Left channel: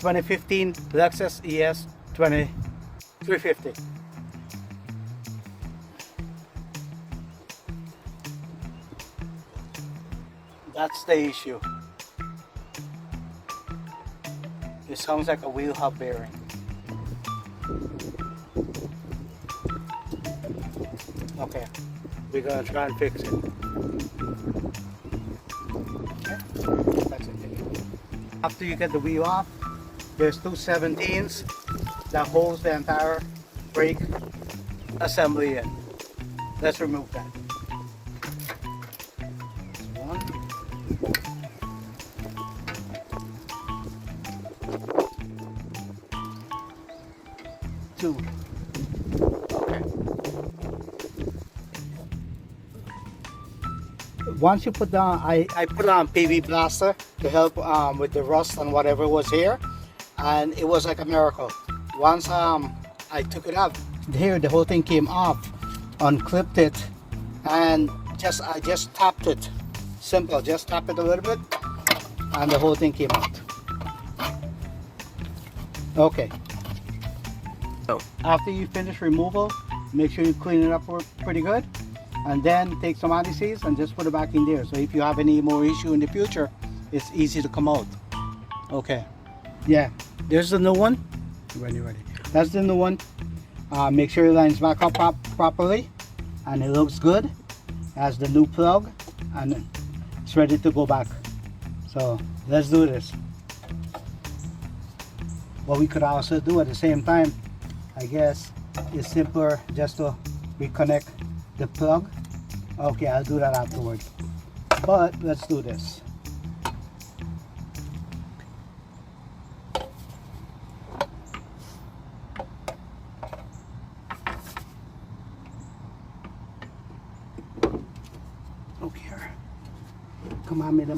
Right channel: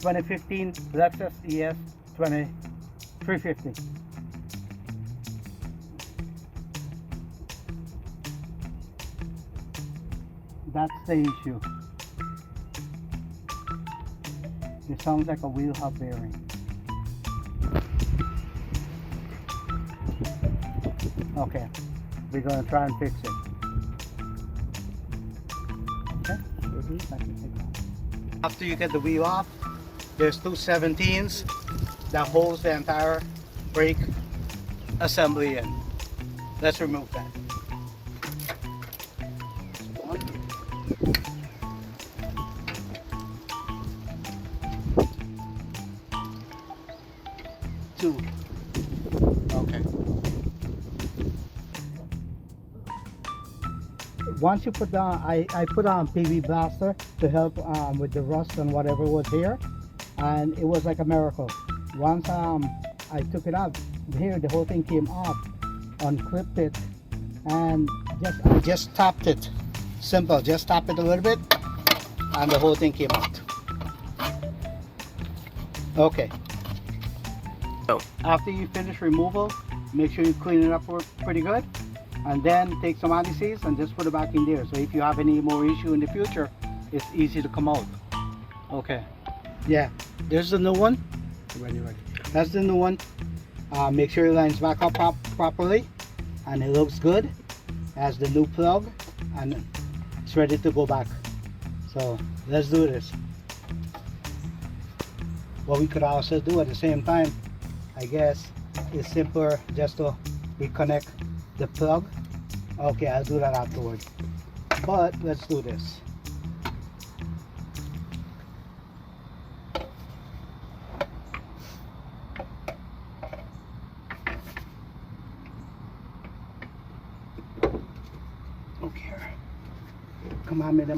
2015 Lexus ES 350. That's the issue. It sounds like a wheel hub bearing. Okay, we're gonna try and fix it. Okay, that's it. After you get the wheel off, there's two 17s that holds the entire brake assembly in. Let's remove that. One. Two. Okay. Once you put down, I put on PV Blaster to help with the rust and whatever was here, and it was like a miracle. Once I took it out, here the whole thing came off, unclipped it, and I just tapped it. Simple, just tap it a little bit, and the whole thing came out. Okay. After you finish removal, make sure you clean it up pretty good, and then take some anti-seize and just put it back in there. So if you have any more issue in the future, it's easy to come out. Okay. Yeah, there's the new one. Ready. That's the new one. Make sure it lines back up properly, and it looks good. Has the new plug, and it's ready to go back. So let's do this. What we could also do at the same time, I guess, is simpler just to reconnect the plug. Okay, I'll do that afterwards. But let's do this. Okay. Come on, madam.